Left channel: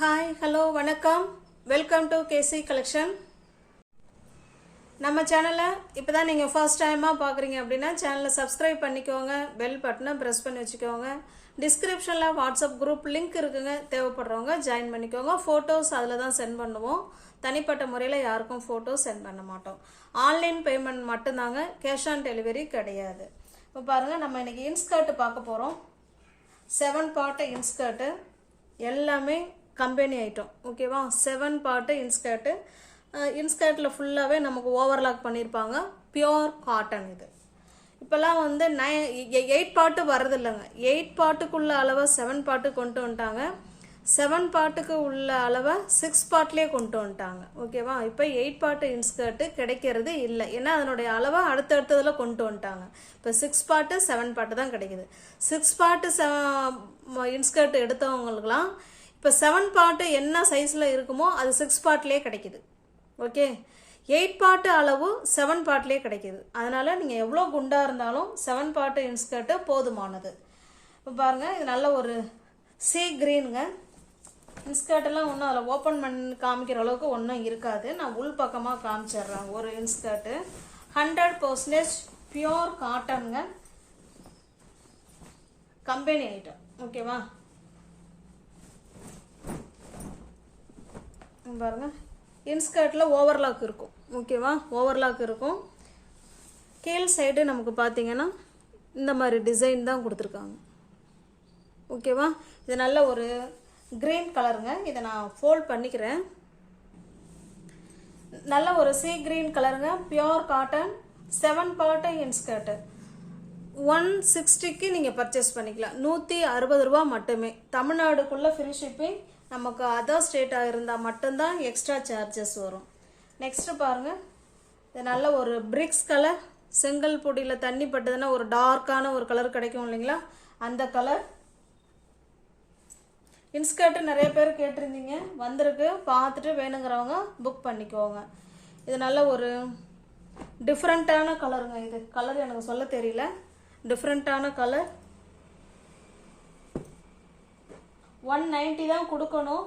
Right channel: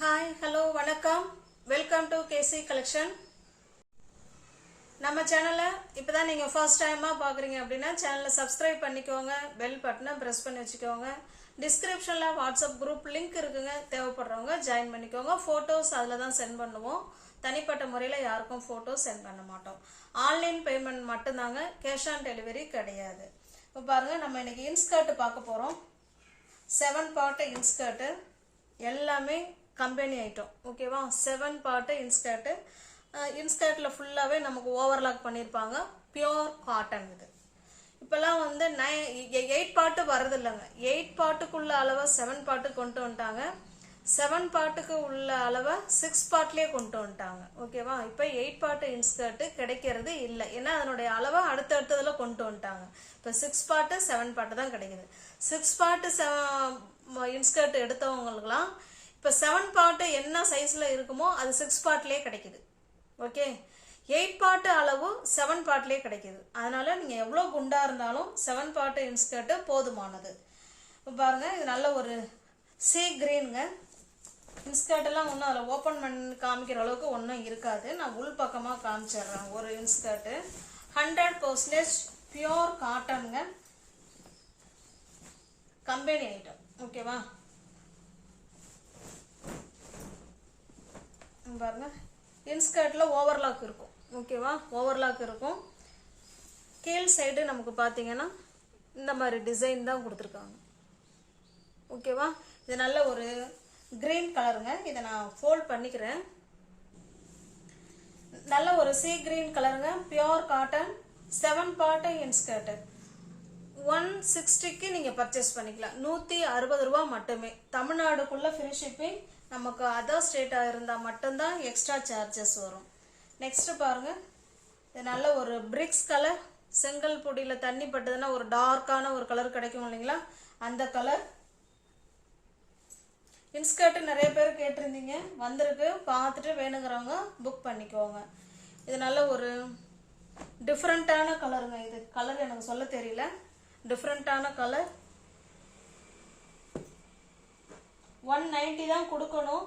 Hi hello வணக்கம் welcome to KC collection. நம்ம சேனலை இப்போ தான் நீங்கள் ஃபர்ஸ்ட் டைமாக பார்க்குறீங்க அப்படின்னா சேனலை சப்ஸ்கிரைப் பண்ணிக்கோங்க, பெல் பட்டனை ப்ரெஸ் பண்ணி வச்சுக்கோங்க. டிஸ்கிரிப்ஷனில் வாட்ஸ்அப் குரூப் லிங்க் இருக்குங்க, தேவைப்படுறவங்க ஜாயின் பண்ணிக்கோங்க. ஃபோட்டோஸ் அதில் தான் சென்ட் பண்ணுவோம். தனிப்பட்ட முறையில் யாருக்கும் ஃபோட்டோஸ் சென்ட் பண்ண மாட்டோம். ஆன்லைன் பேமெண்ட் மட்டும்தாங்க, கேஷ் ஆன் டெலிவரி கிடையாது. இப்போ பாருங்கள், நம்ம இன்னைக்கு இன்ஸ்கர்ட் பார்க்க போகிறோம். 7 பார்ட் இன்ஸ்கர்ட்டு, எல்லாமே கம்பெனி ஐட்டம். ஓகேவா? 7 பார்ட் இன்ஸ்கர்ட்டு. இன்ஸ்கர்ட்டில் ஃபுல்லாகவே நமக்கு ஓவர்லாக் பண்ணியிருப்பாங்க. Pure cotton. இது இப்போல்லாம் வந்து 8 பார்ட்டு வரது இல்லைங்க. 8 பார்ட்டுக்குள்ள அளவை 7 பார்ட்டுக்கு கொண்டு வந்துட்டாங்க. 7 பார்ட்டுக்கு உள்ள அளவை 6 பார்ட்லேயே கொண்டு வந்துட்டாங்க. ஓகேவா? இப்போ 8 பார்ட்டு இன்ஸ்கர்ட்டு கிடைக்கிறது இல்லை, ஏன்னா அதனுடைய அளவை அடுத்தடுத்ததில் கொண்டு வந்துட்டாங்க. இப்போ 6 பார்ட்டு 7 பார்ட்டு தான் கிடைக்குது. 6 பார்ட்டு இன்ஸ்கர்ட் எடுத்தவங்களுக்குலாம் இப்போ 7 பார்ட்டு என்ன சைஸில் இருக்குமோ அது 6 பார்ட்லேயே கிடைக்குது. ஓகே, 8 பார்ட்டு அளவு 7 பார்ட்லேயே கிடைக்குது. அதனால நீங்கள் எவ்வளோ குண்டாக இருந்தாலும் 7 பார்ட்டு இன்ஸ்கர்ட்டு போதுமானது. இப்போ பாருங்கள், இது நல்ல ஒரு சீ கிரீனுங்க. இன்ஸ்கர்ட்டெல்லாம் ஒன்றும் அதில் ஓப்பன் பண்ணி காமிக்கிற அளவுக்கு ஒன்றும் இருக்காது. நான் உள் பக்கமாக காமிச்சிடுறேன். ஒரு இன்ஸ்கர்ட்டு 100% பியோர் காட்டனுங்க, கம்பெனி ஐட்டம். ஓகேவா? பாருங்க, இன்ஸ்கர்ட்டில் ஓவர்லாக் இருக்கும். ஓகேவா? ஓவர்லாக் இருக்கும். கீழ் சைடு நமக்கு பார்த்தீங்கன்னா இந்த மாதிரி டிசைன் தான் கொடுத்துருக்காங்க. ஓகேவா? இது நல்ல ஒரு கிரீன் கலருங்க. இதை நான் ஃபோல்ட் பண்ணிக்கிறேன். நல்ல ஒரு சீ கிரீன் கலருங்க, பியோர் காட்டன், 7 பார்ட்டு இன்ஸ்கர்ட்டு. 160க்கு நீங்கள் பர்ச்சேஸ் பண்ணிக்கலாம். 160 ரூபா மட்டுமே. தமிழ்நாடுக்குள்ள ஃப்ரீ ஷிப்பிங். நமக்கு அதர் ஸ்டேட்டாக இருந்தால் மட்டும்தான் எக்ஸ்ட்ரா சார்ஜஸ் வரும். நெக்ஸ்ட் பாருங்க, இது நல்ல ஒரு பிரிக்ஸ் கலர். செங்கல் பொடியில் தண்ணி பட்டதுன்னா ஒரு டார்க்கான ஒரு கலர் கிடைக்கும் இல்லைங்களா, அந்த கலர். இன்ஸ்கர்ட் நிறைய பேர் கேட்டிருந்தீங்க, வந்திருக்கு. பார்த்துட்டு வேணுங்கிறவங்க புக் பண்ணிக்கோங்க. இது நல்ல ஒரு டிஃப்ரெண்ட்டான கலருங்க. இது கலர் எனக்கு சொல்ல தெரியல, டிஃப்ரெண்ட்டான கலர். 190 தான் கொடுக்கணும்.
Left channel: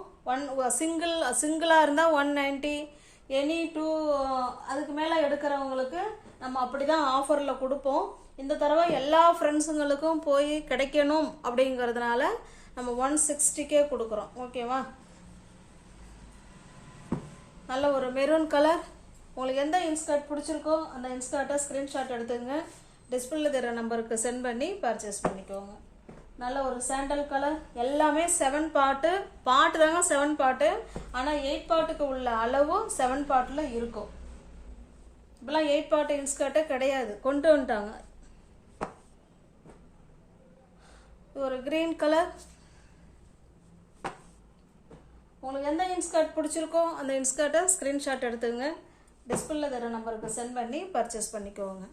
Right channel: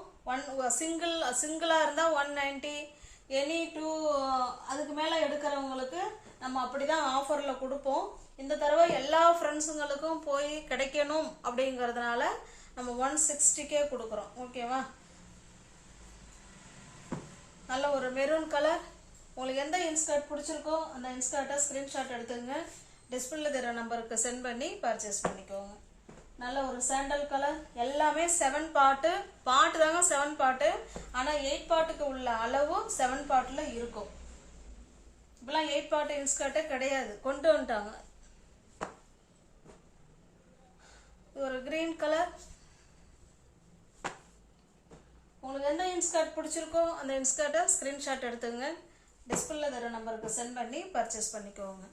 சிங்கிளாக இருந்தால் 190, எனி 2 அதுக்கு மேலே எடுக்கிறவங்களுக்கு நம்ம அப்படி தான் ஆஃபரில் கொடுப்போம். இந்த தடவை எல்லா ஃப்ரெண்ட்ஸுங்களுக்கும் போய் கிடைக்கணும் அப்படிங்கிறதுனால நம்ம 160க்கே கொடுக்குறோம். ஓகேவா? நல்ல ஒரு மெரூன் கலர். உங்களுக்கு எந்த இன்ஸ்கர்ட் பிடிச்சிருக்கோ அந்த இன்ஸ்கர்ட்டை ஸ்க்ரீன்ஷாட் எடுத்துங்க, டிஸ்பிளேல தர நம்பருக்கு சென்ட் பண்ணி பர்ச்சேஸ் பண்ணிக்கோங்க. நல்ல ஒரு சாண்டல் கலர். எல்லாமே 7 பார்ட்டு தாங்க, 7 பார்ட்டு. ஆனால் 8 பார்ட்டுக்கு உள்ள அளவு 7 பார்ட்டில் இருக்கும். இப்பெல்லாம் 8 பார்ட்டு இன்ஸ்கர்ட்டே கிடையாது, கொண்டு வந்துட்டாங்க. ஒரு கிரீன் கலர். உங்களுக்கு எந்த இன்ஸ்கர்ட் பிடிச்சிருக்கோ அந்த இன்ஸ்கர்ட்டை ஸ்க்ரீன்ஷாட் எடுத்துங்க, டிஸ்பிளேல தர நம்பருக்கு சென்ட் பண்ணி பர்ச்சேஸ் பண்ணிக்கோங்க.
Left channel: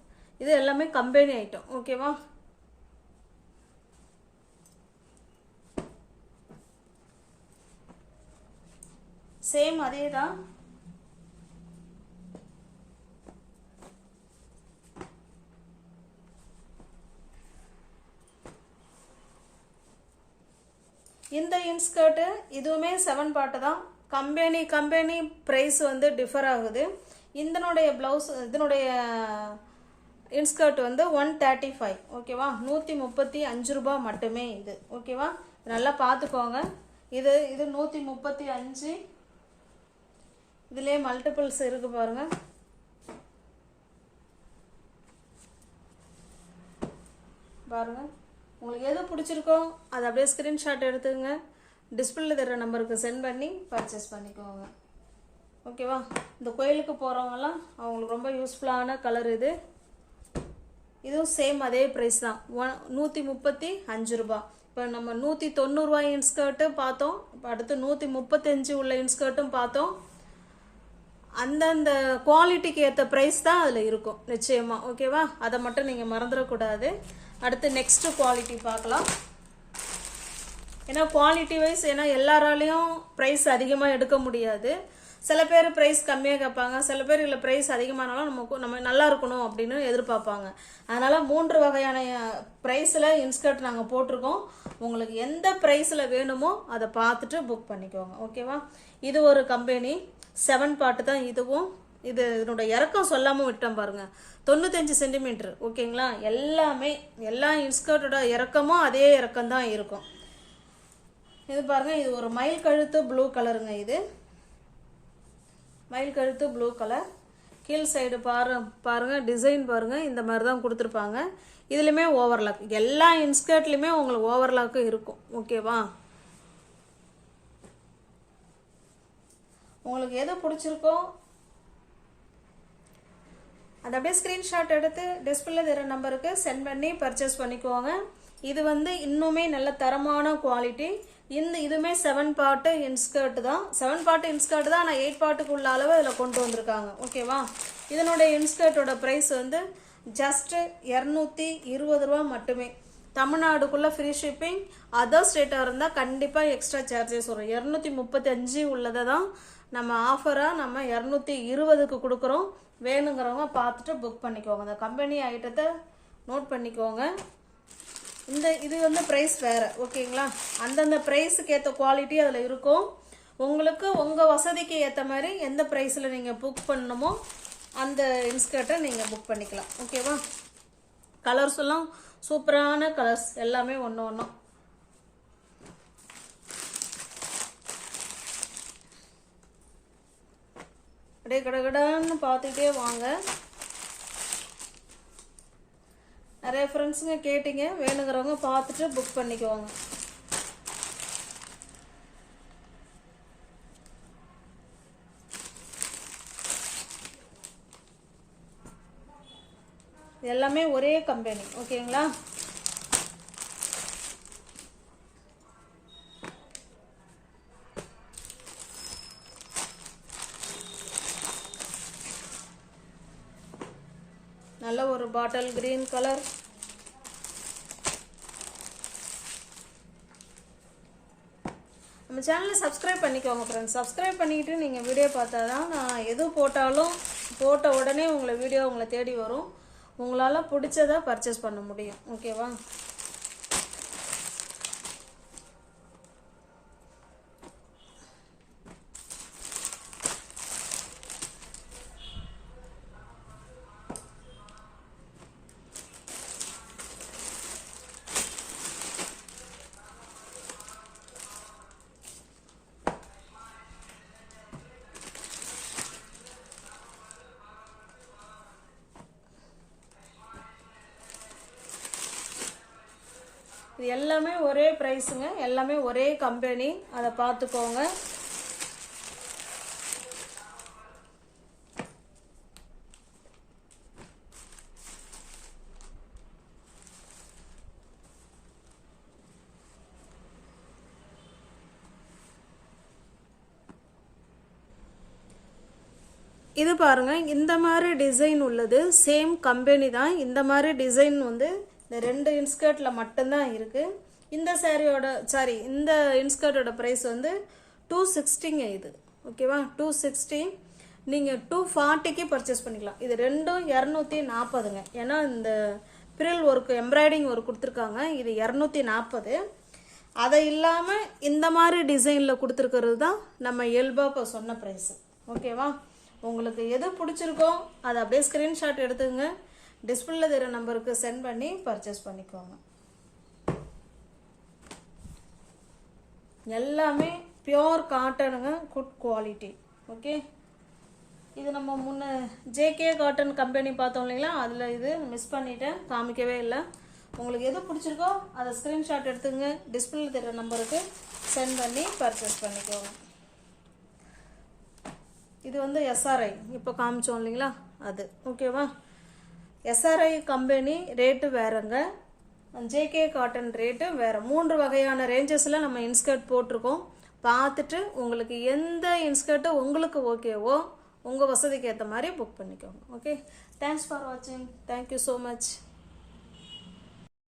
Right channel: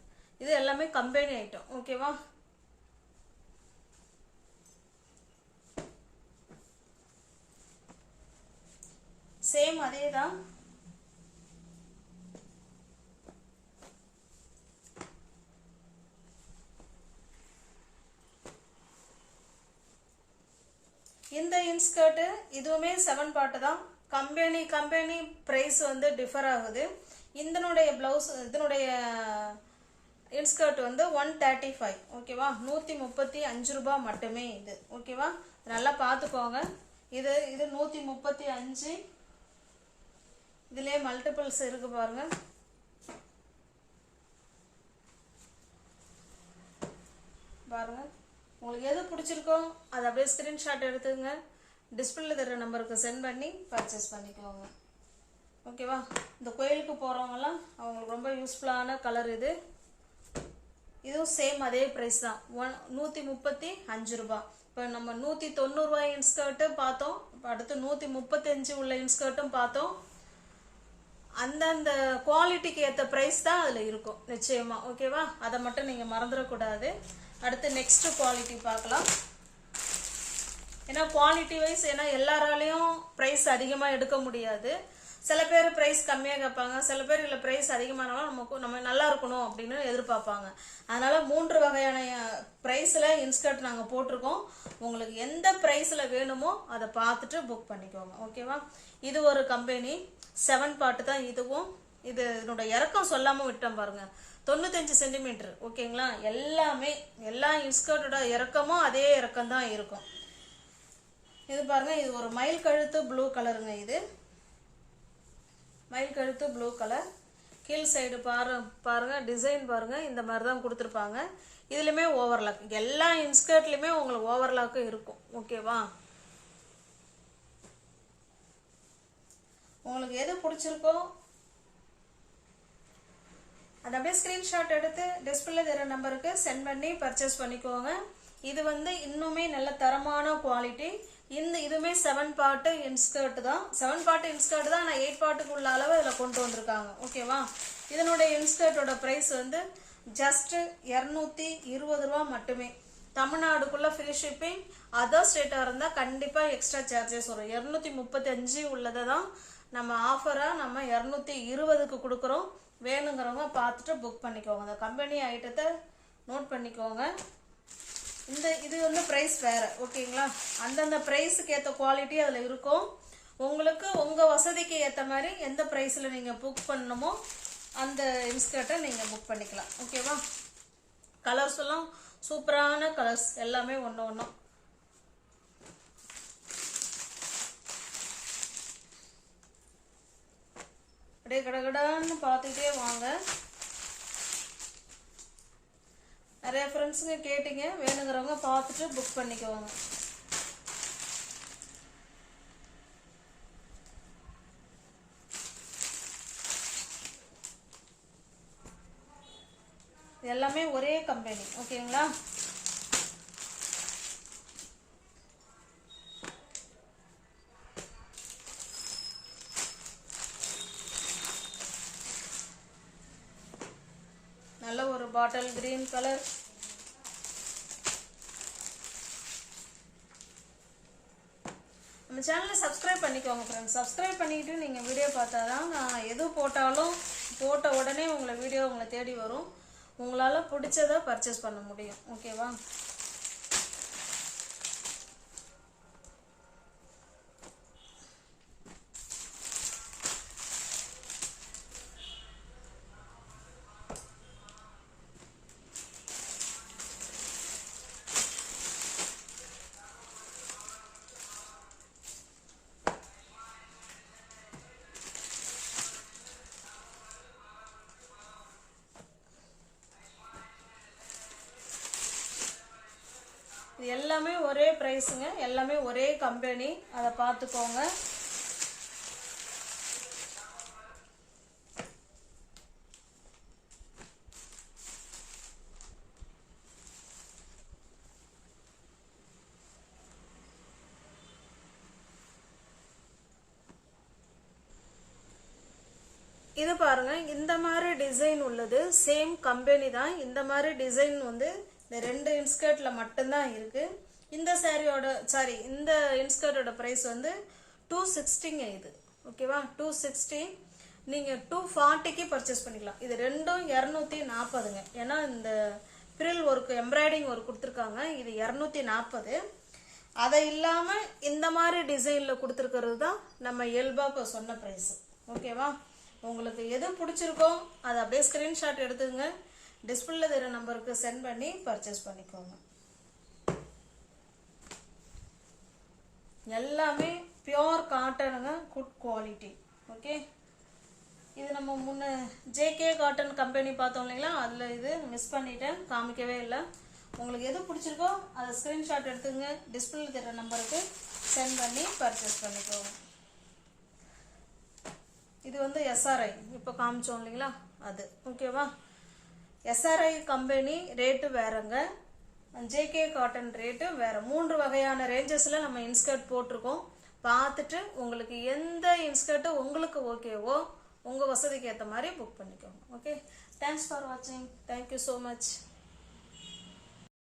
இது எல்லாமே கம்பெனி ஐட்டம். ஓகேவா? சேம் அதே தான். இந்த இன்ஸ்கர்ட் இதுவுமே 7 பார்ட் தான். கம்பெனி பிரைஸ் வந்து டிஃபர் ஆகுது. இதனுடைய பிளவுஸ், இதனுடைய இன்ஸ்கர்ட் வந்து 135. ஓகேவா? 135 ரூபாய் மட்டுமே இது. ஓகேவா? நல்லா பார்த்துக்கோங்க. இது 135. இதுலேயே மல்டிபிள்ஸ் இருக்கு பாருங்க. பாருங்க, உங்களுக்கு எது பிடிச்சிருக்கோ அதை அப்படியே ஸ்கிரீன்ஷாட் எடுத்துங்க, டிஸ்பிளேல தர நம்பருக்கு சென்ட் பண்ணி பர்ச்சேஸ் பண்ணிக்கோங்க. ஓகேவா? இந்த கோயிலுக்கு போகிறவங்கலாம் அவங்களுக்கு ரொம்ப யூஸ்ஃபுல்லான கலர் இது. இதுவும் சேம் அதே ப்ரைஸ் தான், 135 ரூபாய். இப்போ நம்ம 190 ரூபாய் இன்ஸ்கர்ட்டு பார்த்தோம். இப்போ அடுத்து 135 உள்ள இன்ஸ்கர்ட்டும் பார்த்தோம். அந்தந்த குவாலிட்டிக்கு ஏற்ற ப்ரைஸ் தான் அதில் இருக்கும் நிச்சயமா. ஓகேவா? அதை மட்டும் நீங்கள் மறந்துடக்கூடாது. அடுத்து நெக்ஸ்ட் குவாலிட்டி பார்க்கலாம். ஏன்னா குவாலிட்டி வைஸ், ஏன்னா எல்லாராலையும் ப்ரைஸ் அதிகமாக எடுக்க முடியாது. சில பேர் ப்ரைஸ் கம்மியாக கேட்பாங்க, சில பேர் இல்லை ப்ரைஸ் அதிகமானாலும் நம்ம நல்லா இருக்கணும் அப்படின்னு எதிர்பார்ப்பாங்க. அதனால் 3 வகையான ப்ரைஸில் இன்ஸ்கர்ட் நாங்கள் போட்டிருக்கோம். உங்களுக்கு எந்த ப்ரைஸில் வேணுமோ அதை பார்த்துட்டு புக் பண்ணிக்கோங்க. ஓகேவா? இது ஒரு கம்பெனி 7 பார்ட் தான் இதுவும். இதனோட இறக்கம் சொல்லாமல் விட்டோம் பாருங்க, 95 சென்டிமீட்டர். ஓகேங்களா? எல்லா இன்ஸ்கர்ட்டோட இறக்கமும் அதே இறக்கம் தான் இருக்கும். இது பாருங்க, இது ஒரு மயில் கழுத்து ப்ளூ கலருங்க. இது மயில் கழுத்து ப்ளூ கலர். கீழ் சைடு பாருங்க டிசைன் பாருங்க, இந்த மாதிரி தான் கொடுத்துருப்பாங்க. இதுலையுமே ஓவர்லாக், எல்லா இன்ஸ்கர்ட்லையுமே உங்களுக்கு ஓவர்லாக்கும் இருக்கும். ஓகேவா? உங்களுக்கு எது பிடிச்சிருக்கோ அதை அப்படியே ஸ்கிரீன்ஷாட் எடுத்து டிஸ்பிளே தர நம்பருக்கு சென்ட் பண்ணி பர்ச்சேஸ் பண்ணிக்கோங்க. இது இன்னுமே நல்ல தரமான குவாலிட்டி. இதுவுமே 7 பார்ட் இன்ஸ்கர்ட் தான். 7 பார்ட் இன்ஸ்கர்ட் தான், ஆனால் 8 பார்ட்டுக்குள்ள அளவு இதில் கொண்டு வந்திருக்காங்க. ஓகேவா? இதனுடைய இன்ஸ்கர்ட்டோட ப்ரைஸ் ஜஸ்ட் 220 ரூபா மட்டுமே. தமிழ்நாடுக்குள்ள ஃப்ரீ ஷிப்பிங். அதர் ஸ்டேட்டாக இருந்தால் கண்டிப்பாக எக்ஸ்ட்ரா சார்ஜஸ் வரும். 235 உள்ளதை தான் நம்ம ஆஃபராக நம்ம 220க்கு கொடுக்குறோம். வேணுங்கிறவங்க பார்த்துட்டு புக் பண்ணிக்கோங்க. அந்த கம்பெனி ஐட்டத்தை நோட் பண்ணிக்கோங்க. இது ப்ரைஸ் வேறு. ஓகேங்களா? அந்தந்த ப்ரைஸுக்கு ஏற்ற குவாலிட்டி அதில் இருக்கும். உங்களுக்கு உங்கள் வசதிக்கு ஏற்ற மாதிரி எந்த ப்ரைஸில் நீங்கள் புக் பண்ணணுமோ அந்த இன்ஸ்கர்ட்டை நீங்கள் புக் பண்ணிக்கலாம். ஓகேவா? கலர்ஸ் எல்லாம் சூப்பரான கலர்ஸ், எல்லாமே ஒன்று அப்படியே கடகடான்னு பார்த்துக்கிட்டே வாங்க. நிறைய ஃப்ரெண்ட்ஸுங்க கேட்டீங்க, வேணுங்கிறவங்க பார்த்துட்டு புக் பண்ணிக்குவாங்க. எல்லாமே ஒரே கம்பெனி. ஓகேங்களா? நல்ல ஒரு பாட்டில் கிரீன் கலர். நம்ம சேனலை சப்ஸ்கிரைப் பண்ணிக்கோங்க ஃப்ரெண்ட்ஸ். சப்ஸ்கிரைப் பண்ணிக்கிட்டு நீங்கள் வீடியோ பார்த்தா தான் நான் எது போட்டாலும் போட்ட உடனே உங்களை தேடி வரும். உங்களால் பிடிச்சதை பர்ச்சேஸ் பண்ண முடியும். ஓகேவா? இது எல்லாமே ஒரே ப்ரைஸுங்க, எல்லாமே ஒரே கம்பெனி. அதை பார்த்துக்கோங்க. இது பாருங்க, இந்த மாதிரி டிசைன் உள்ளது சேம் கம்பெனி தான். இந்த மாதிரி டிசைன் இந்த 2 இன்ஸ்கர்ட்ல மட்டும்தான் இருக்கு. இந்த இந்த இன்ஸ்கர்ட்டோட பிரைஸ் 260ங்க. இது ஓகேவா? 260. நீங்க 240க்கு பர்ச்சேஸ் பண்ணிக்கலாம். இது ரெண்டும் 240ங்க. ஏன்னா இந்த பிரில் ஒர்க் எம்ப்ராய்டிங் ஒர்க் கொடுத்துருக்காங்க. இது 240. அதை இல்லாம இந்த மாதிரி டிசைன்ல கொடுத்துருக்கிறது தான் நம்ம இயல்பா இப்போ சொன்ன பிரைஸ். ஓகேவா? உங்களுக்கு எது பிடிச்சிருக்கோ அதை அப்படியே ஸ்கிரீன்ஷாட் எடுத்துங்க. டிஸ்பிளேல தெரிய நம்பருக்கு சென்ட் பண்ணி பர்ச்சேஸ் பண்ணிக்கோங்க. எல்லாமே பியோர் காட்டனுங்க, குட் குவாலிட்டி. ஓகே, இது நம்ம முன்ன ஜேகே காட்டன் கம்பெனி பார்த்தோம் இல்லைங்களா, அதில் இது மிஸ் பண்ணிட்டேன், காமிக்கவே இல்லை. உங்களுக்கு எது பிடிச்சிருக்கோ அதை ஸ்க்ரீன்ஷாட் எடுத்துங்க, டிஸ்பிளேல தெரிய நம்பருக்கு சென்ட் பண்ணி பர்ச்சேஸ் பண்ணிக்கோங்க. இது எஸ்ஆர்ஐ இப்போ காமிச்சோம் இல்லைங்களா, அது ஓகேவா. எஸ்ஆர்ஐ கம்பெனி ரேட்டு வேறங்க, ஜேகே காட்டன் ரேட்டு வேற. 3 வகையான ரேஞ்சஸில் நம்ம இன்ஸ்கர்ட் போட்டிருக்கோம். பார்த்துட்டு உங்களுக்கு எந்த இன்ஸ்கர்ட்டு உங்களுக்கு ஓகேவோ உங்கள் வசதிக்கு ஏற்ற மாதிரி புக் பண்ணிக்கோங்க. ஓகே, தேங்க்ஸ் ஃபார் வாட்சிங். Thank you so much.